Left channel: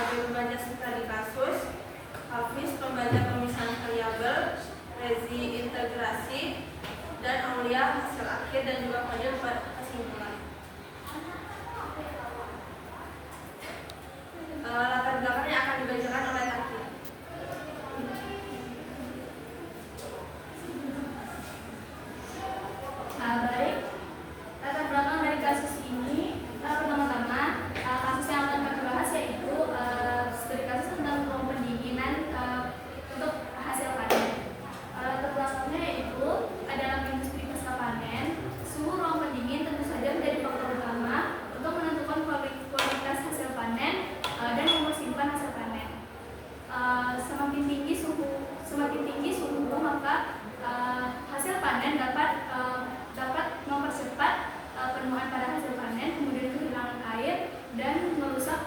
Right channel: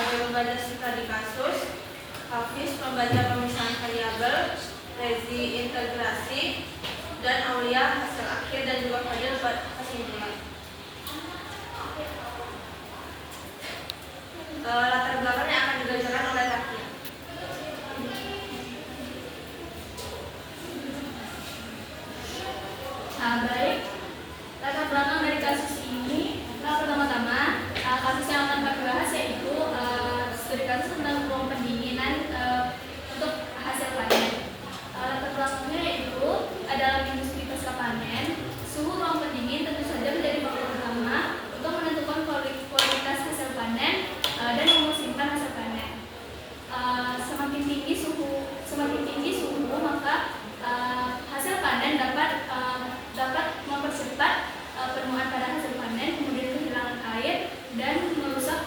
sebagai pembaca studi kasus, Hafiz pembaca pemisahan variabel, Rezi integrasi, dan Aulia hasil akhir dan juga Fadil buat kesimpulan. Latar belakang yang akan dibacakan oleh Taki. Baik, latar belakang dari kasus ini pertama-tama kasus yang akan kami bahas yaitu studi kasus tentang ruang pendinginan untuk hasil panen. Latar belakangnya yaitu dalam industri pasca panen, suhu ruang pendingin tentu saja menjadi faktor utama untuk menentukan kualitas hasil panen dan umur simpan hasil panen. Semakin tinggi suhu maka hasil panen dapat mempercepat penuaan pada hasil panen, kemudian kehilangan air dan merusak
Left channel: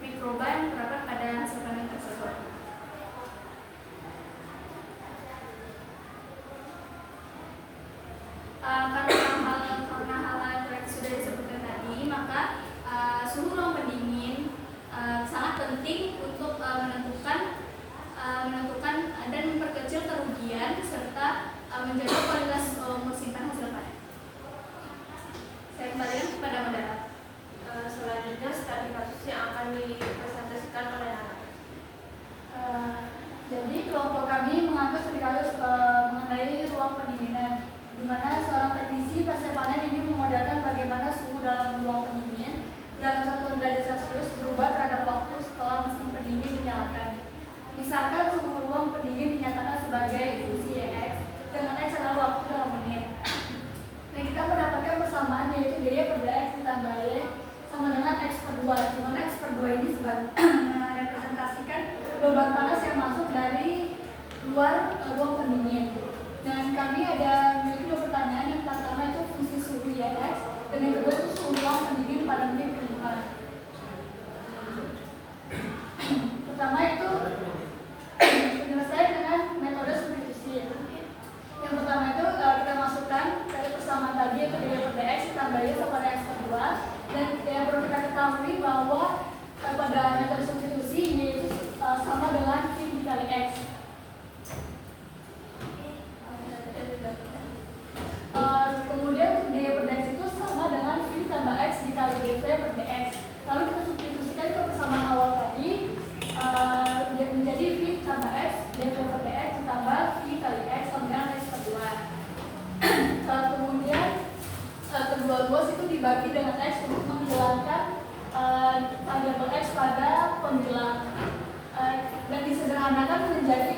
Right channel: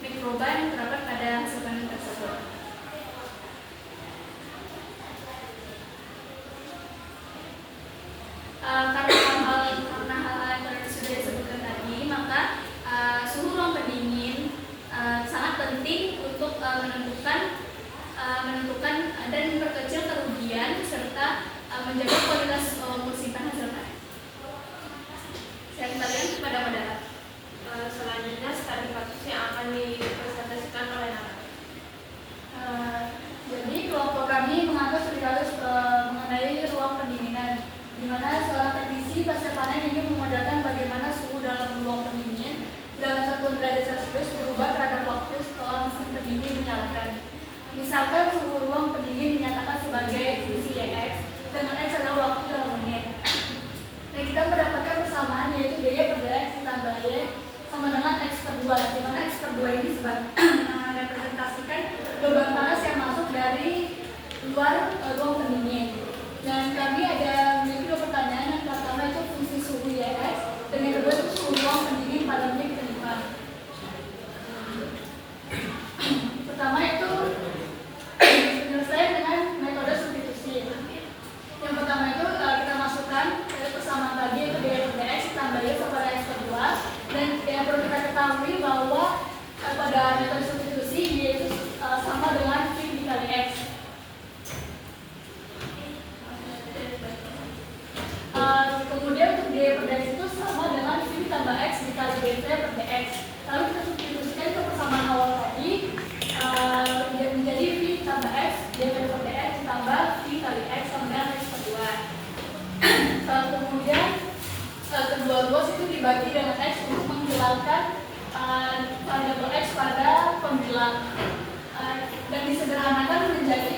mikroba yang terdapat pada hasil panen tersebut. Karena hal-hal yang sudah disebutkan tadi, maka suhu ruang pendingin sangat penting untuk menentukan dan memperkecil kerugian serta menjaga kualitas umur simpan hasil panen. Saya kembalikan kepada moderator. Selanjutnya studi kasus yang akan dipresentasikan oleh Nara. Jadi kelompok kami mengambil studi kasus mengenai ruang pendinginan, di mana seorang teknisi pasca panen ingin memodalkan bagaimana suhu dalam ruang pendingin dalam 1 derajat Celcius berubah terhadap waktu setelah mesin pendingin dinyalakan. Misalkan suhu ruang pendingin dinyatakan sebagai VCX dengan X adalah waktu dalam menit. Dan kita mendapatkan persamaan yaitu Y per X ditambah Y sama dengan X per 2, di mana X per 2 ini merepresentasikan beban panas yang masuk dari luar ruang pendingin. Dan kami ada memiliki 2 pertanyaan. Yang pertama itu fungsi suhu YX, dan yang kedua itu suhu ruang pendingin pada menit kelima. Pertama itu penyelesaian dengan metode substitusi. Yang pertama itu kita masukkan dari persamaan tadi itu Y per X ditambah Y pada X per 2, dan yang perlu kita ketahui bahwa pada metode substitusi Y itu sama dengan V dikali X. Kemudian untuk Y per X itu sama dengan V ditambah X dikali YV per dx. Lalu kita substitusikan ke persamaan awal tadi menjadi V ditambah X YV per dx ditambah V kali X sama dengan X per 2. Kemudian kedua ruas itu dibagi dengan X untuk menghilangkan variabel X pada pembilang, dan disederhanakan menjadi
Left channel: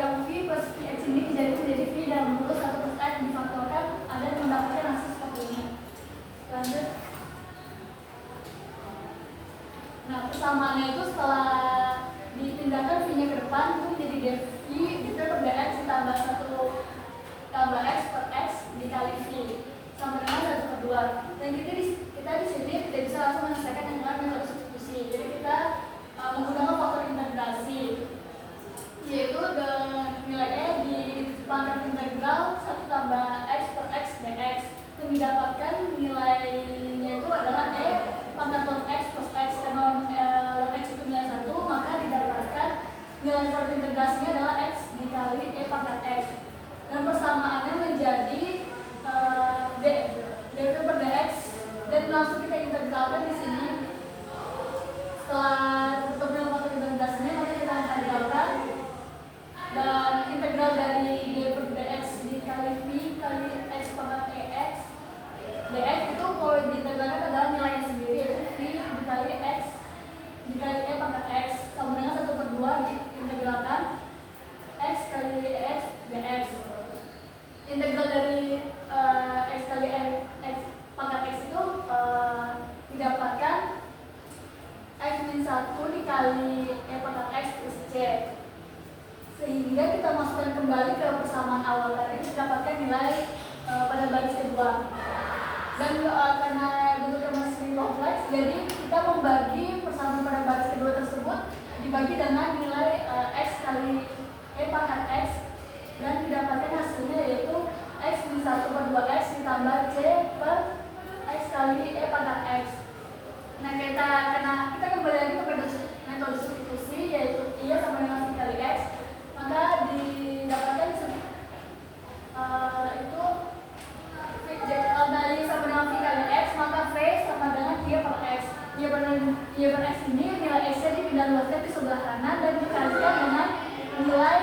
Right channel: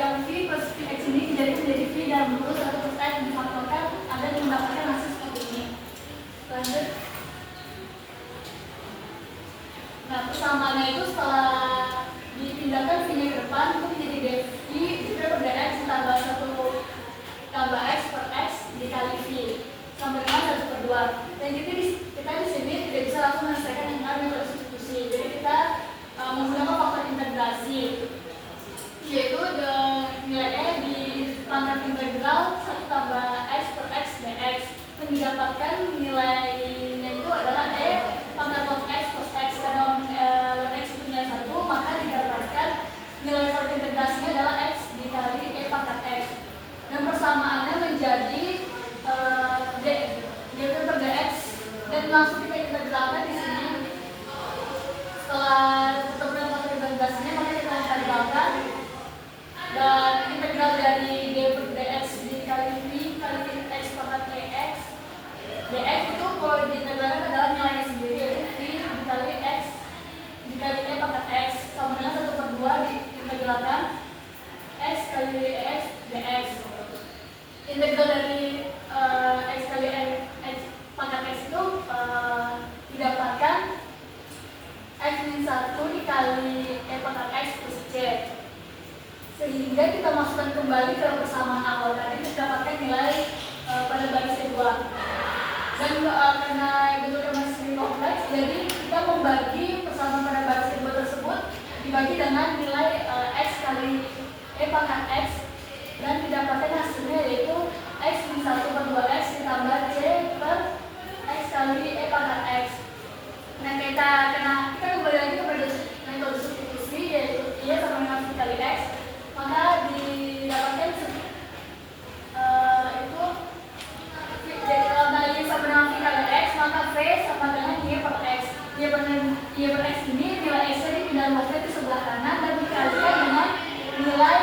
yang V plus Vx ini menjadi V dalam lurus atau plus X difaktorkan, Anda mendapatkan hasil seperti ini. Lanjut. Nah, persamaannya itu setelah dipindahkan V-nya ke depan itu menjadi dV per dx ditambah 1 tambah X per X dikali V sama dengan 1 per 2. Dan kita di sini tidak bisa langsung menyelesaikan dengan metode substitusi. Jadi kita menggunakan faktor integrasi, yaitu nilai di pangkat integral 1 tambah X per X dx, dan didapatkan nilainya itu adalah E pangkat log X plus X. Karena log X itu nilai 1, maka didapatkan nilai faktor integrasinya adalah X dikali E pangkat X, dan persamaannya menjadi dV per dx, dan langsung kita integralkan di sini. Setelah ketemu faktor integrasinya, maka kita integralkan, dan integral dari d per dx dikali V kali X pangkat EX dx itu kalau diintegralkan adalah nilainya sendiri, yaitu V dikali X dikali E pangkat X sama dengan 1 per 2 diintegralkan X kali EX dx. Integral dari X kali X pangkat X itu didapatkan X min 1 dikali E pangkat X plus C, sehingga kita masukkan kembali ke persamaan awal tadi didapatkan nilai pada baris kedua. Dan karena bentuknya masih sering kompleks, jadi kita membagi persamaan pada baris kedua tersebut dibagi dengan nilai X kali E pangkat X, dan didapatkan hasilnya yaitu X min 1 per 2X ditambah C per X kali E pangkat X. Nah, kita kembali lagi kepada metode Y per X ini nilai X-nya dipindahkan ke sebelah kanan dan dikalikan dengan nilai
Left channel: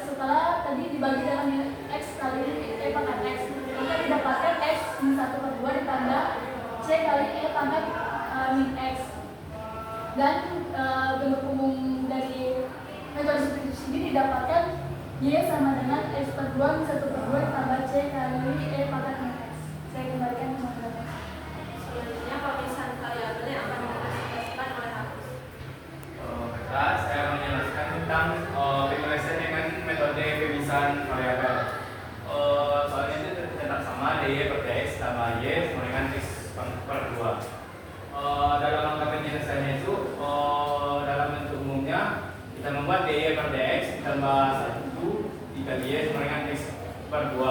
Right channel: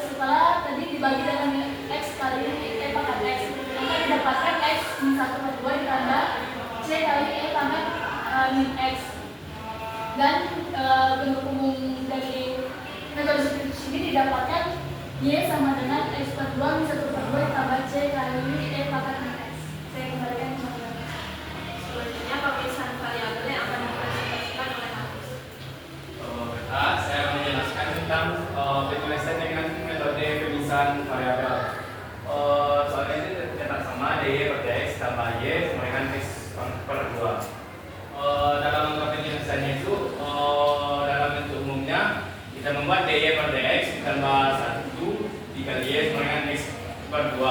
setelah tadi dibagi dengan X kali E pangkat X, maka didapatkan X min 1/2 ditambah C kali E pangkat min X. Dan bentuk umum dari metode substitusi ini didapatkan Y sama dengan X/2 min 1/2 ditambah C kali E pangkat min X. Saya kembalikan ke teman-teman. Selanjutnya pemisahan variabel yang akan dipresentasikan oleh Hafiz. Saya menjelaskan tentang penulisan dengan metode pemisahan variabel. Soalnya ini tetap sama dy per dx tambah y sama dengan x per 2. Dalam angka penjelasannya itu dalam bentuk umumnya kita membuat dy per dx ditambah 1 dikali y sama dengan x per 2.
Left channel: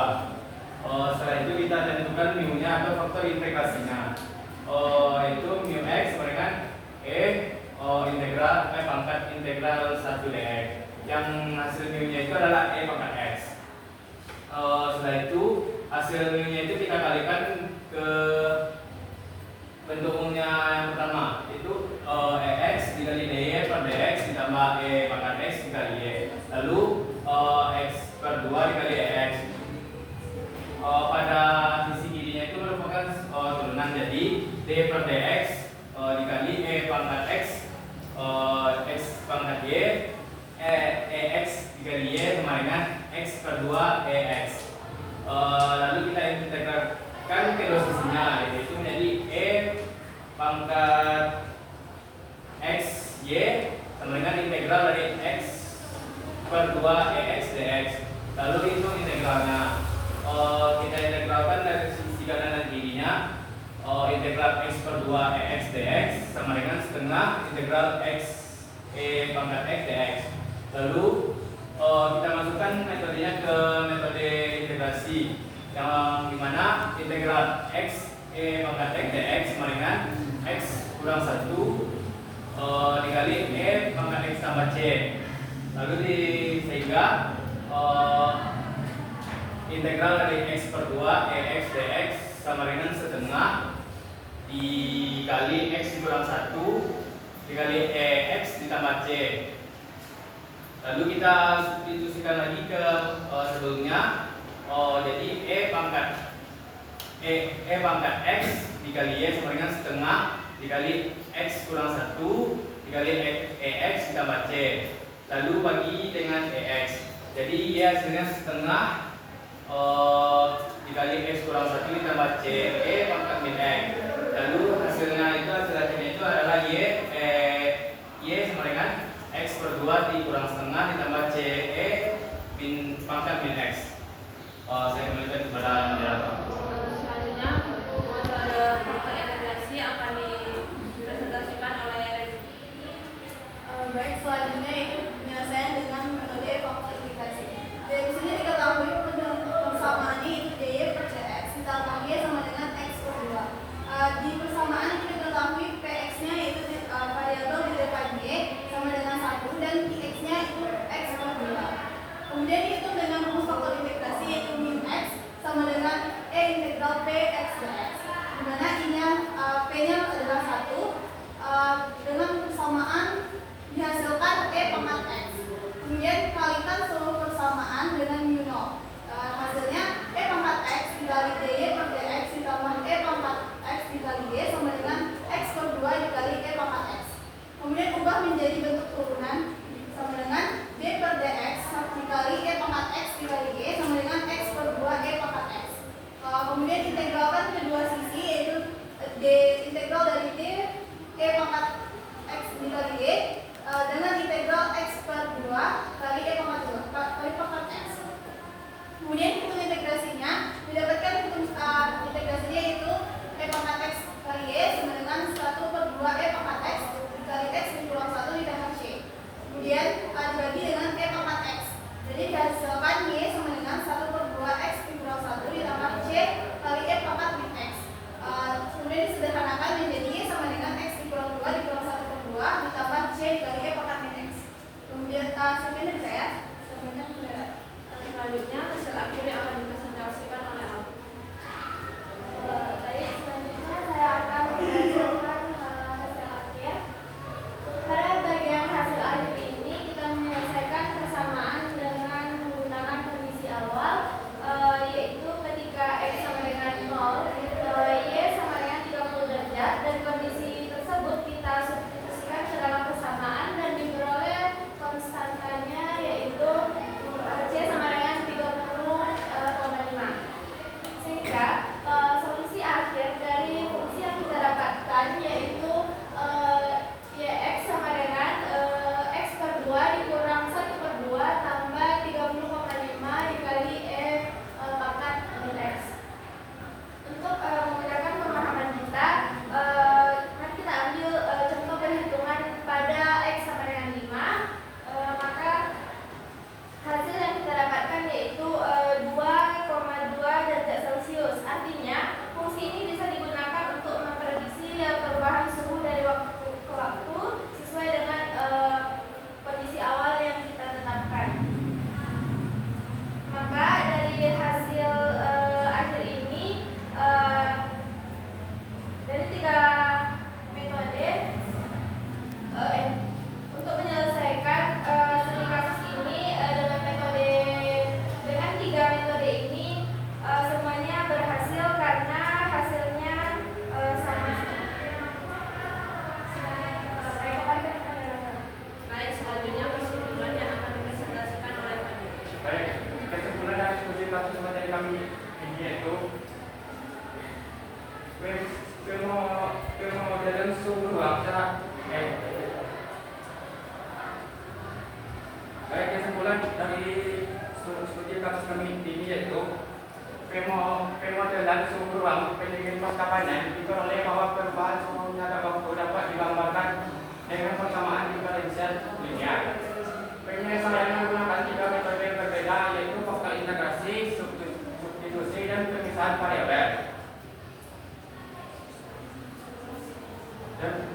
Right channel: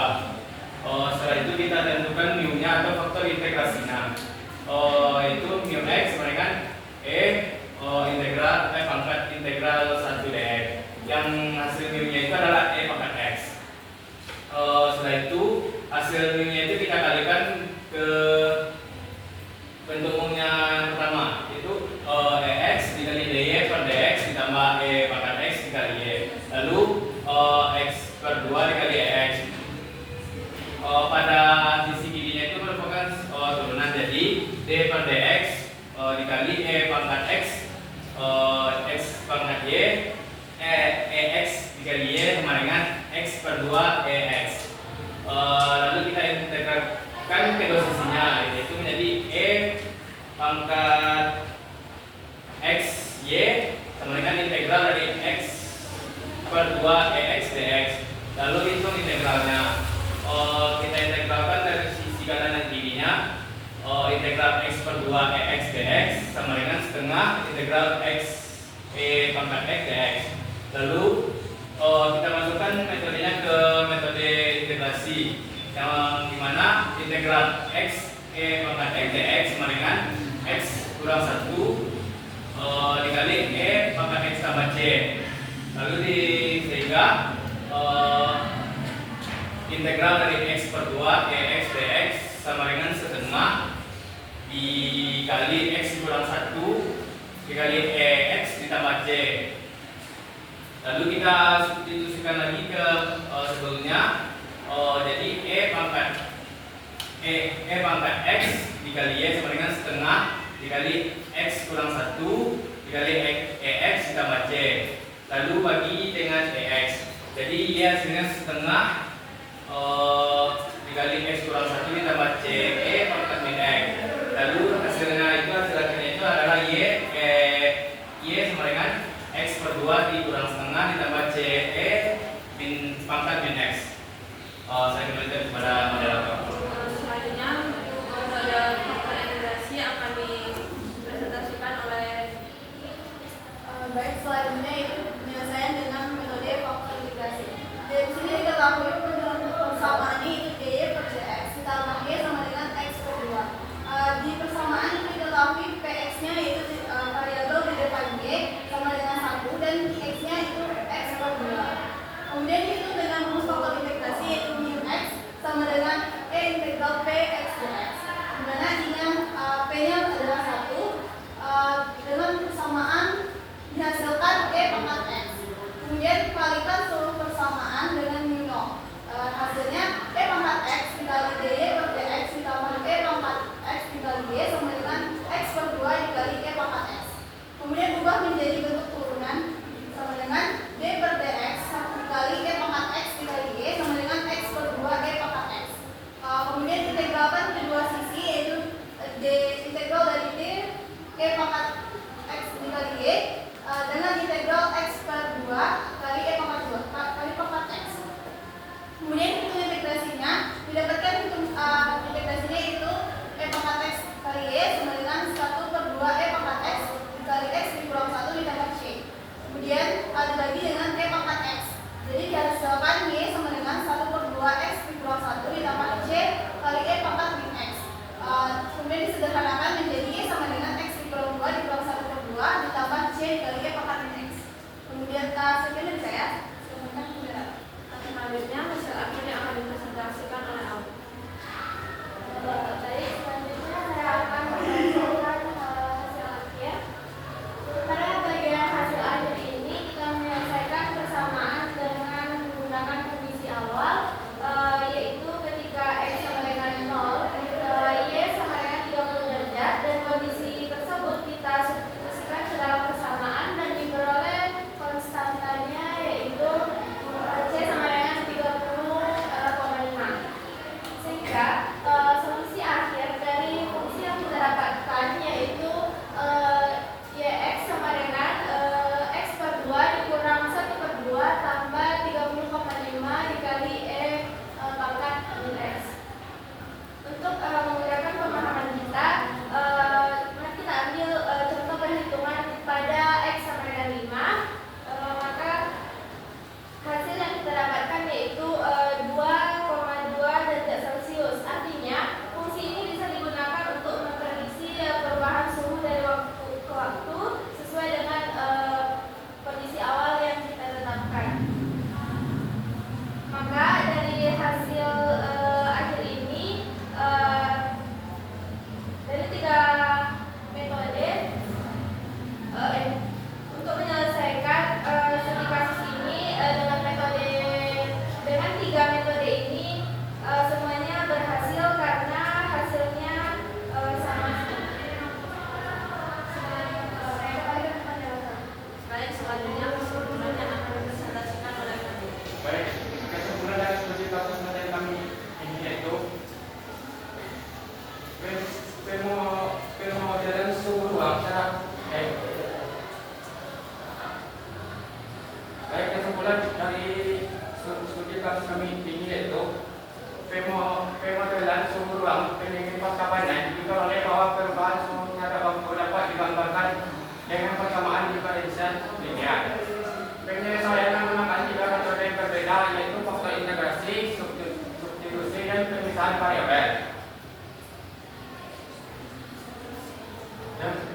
Setelah itu kita tentukan mu-nya atau faktor integrasinya. Itu mu x sama dengan pangkat integral 1 dx, yang hasil mu-nya itu adalah e pangkat x. Setelah itu hasil mu-nya itu kita kalikan ke bentuk umumnya yang pertama, itu ex dikali dy per dx ditambah e pangkat x dikali y, lalu x per 2 dikali x. Pada sisi kirinya itu merupakan turunan, jadi d per dx dikali e pangkat x x pangkat y ex dikali y sama dengan x per 2 ex. Lalu kita integralkan kedua sisinya, yaitu menjadi e pangkat x y sama dengan integral dari x per 2 ex dx. Lalu hitung integralnya. Kita integralkan dari sisi kanan dan kirinya. Integral x per 2 ex dx sama dengan setengah integral x e pangkat x dx. Lalu kita masukkan metodenya ke metode integrasi, yang dimana integral x e pangkat x dx sama dengan x kurang 1 dikali e pangkat x tambah c. Lalu sehingga integral dari x per 2 ex dx sama dengan setengah dikali x kurang 1 dikali ex ditambah c. Lalu kita substitusikan lagi ke sebelumnya. Jadi e pangkat x dikali y sama dengan setengah dikali x kurang 1 dikali ex ditambah c. Lalu bagi dengan ex. Jadi y hasilnya setengah dikali x kurang 1 ditambah c e pangkat min x. Lalu hasil akhirnya itu adalah y sama dengan x per 2 dikurang setengah ditambah c e min pangkat min x. Saya kembalikan kepada moderator. Selanjutnya metode faktor integrasi akan dipresentasikan oleh baik, selanjutnya itu penyelesaian dengan metode faktor integrasi. Dari sini diketahui persamaannya itu dy per dx ditambah y sama dengan x per 2. Di persamaan itu diketahui px-nya yaitu variabel di depan y sama dengan 1 dan x-nya itu x per 2. Kemudian dihitung dengan rumus faktor integrasi yaitu mu x sama dengan e integral p x dx, di mana p-nya adalah 1 dengan persamaan dihasilkan e pangkat x. Kemudian kalikan seluruh persamaan dengan mu 0. Hasilnya e pangkat x dikali dy per dx ditambah e pangkat x dikali y sama dengan x per 2 dikali e pangkat x. Kemudian ubah menjadi bentuk turunan sama dengan d per dx dikali e pangkat x dikali y sama dengan x per 2 e pangkat x. Kemudian integralkan kedua sisi, yaitu integral dari d e pangkat x dikali y dengan integral x per 2 kali e pangkat 2 kali pangkat x. Kemudian hitung integrasinya, didapatkan integrasinya itu e pangkat x kali y sama dengan 1 per 2 e pangkat x dikali x dikurang 1 ditambah c. Kemudian dibagi dengan e pangkat x. Jadi dihasilkan y sama dengan 1 per 2 x dikurang 1 ditambah c kali e pangkat min x. Kemudian disederhanakan menjadi y sama dengan x dikurang 2 dikurang 1 per 2 ditambah c dikali e pangkat min x. Kemudian sekian dari saya. selanjutnya hasil akhir yang akan dipresentasikan oleh Al. Selanjutnya saya akan mempresentasikan hasil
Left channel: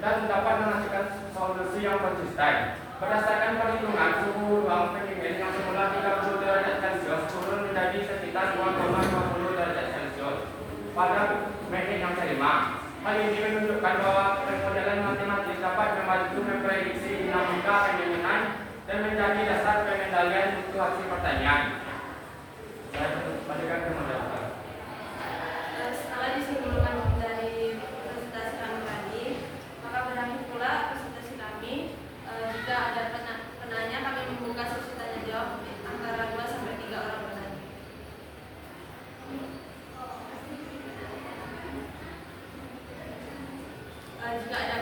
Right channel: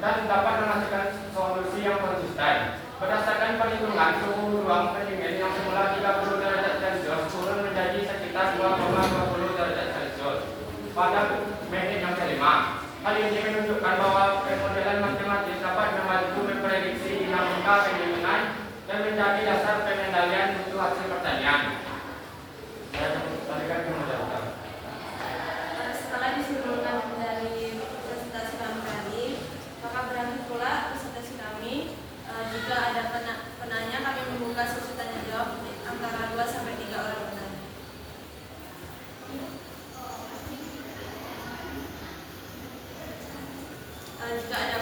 dan dapat menghasilkan solusi yang konsisten. Berdasarkan perhitungan, suhu ruang pendingin yang semula 30 derajat Celcius turun menjadi sekitar 2,50 derajat Celcius pada menit yang kelima. Hal ini menunjukkan bahwa pemodelan matematis dapat membantu memprediksi dinamika pendinginan dan menjadi dasar pengendalian mutu hasil pertanian. Saya kembalikan ke moderator. Setelah disimpulkan dari presentasi kami tadi, maka berakhir pula presentasi kami. Jika ada penanya, kami membuka sesi tanya jawab antara 2 sampai 3 orang penanya. Jika ada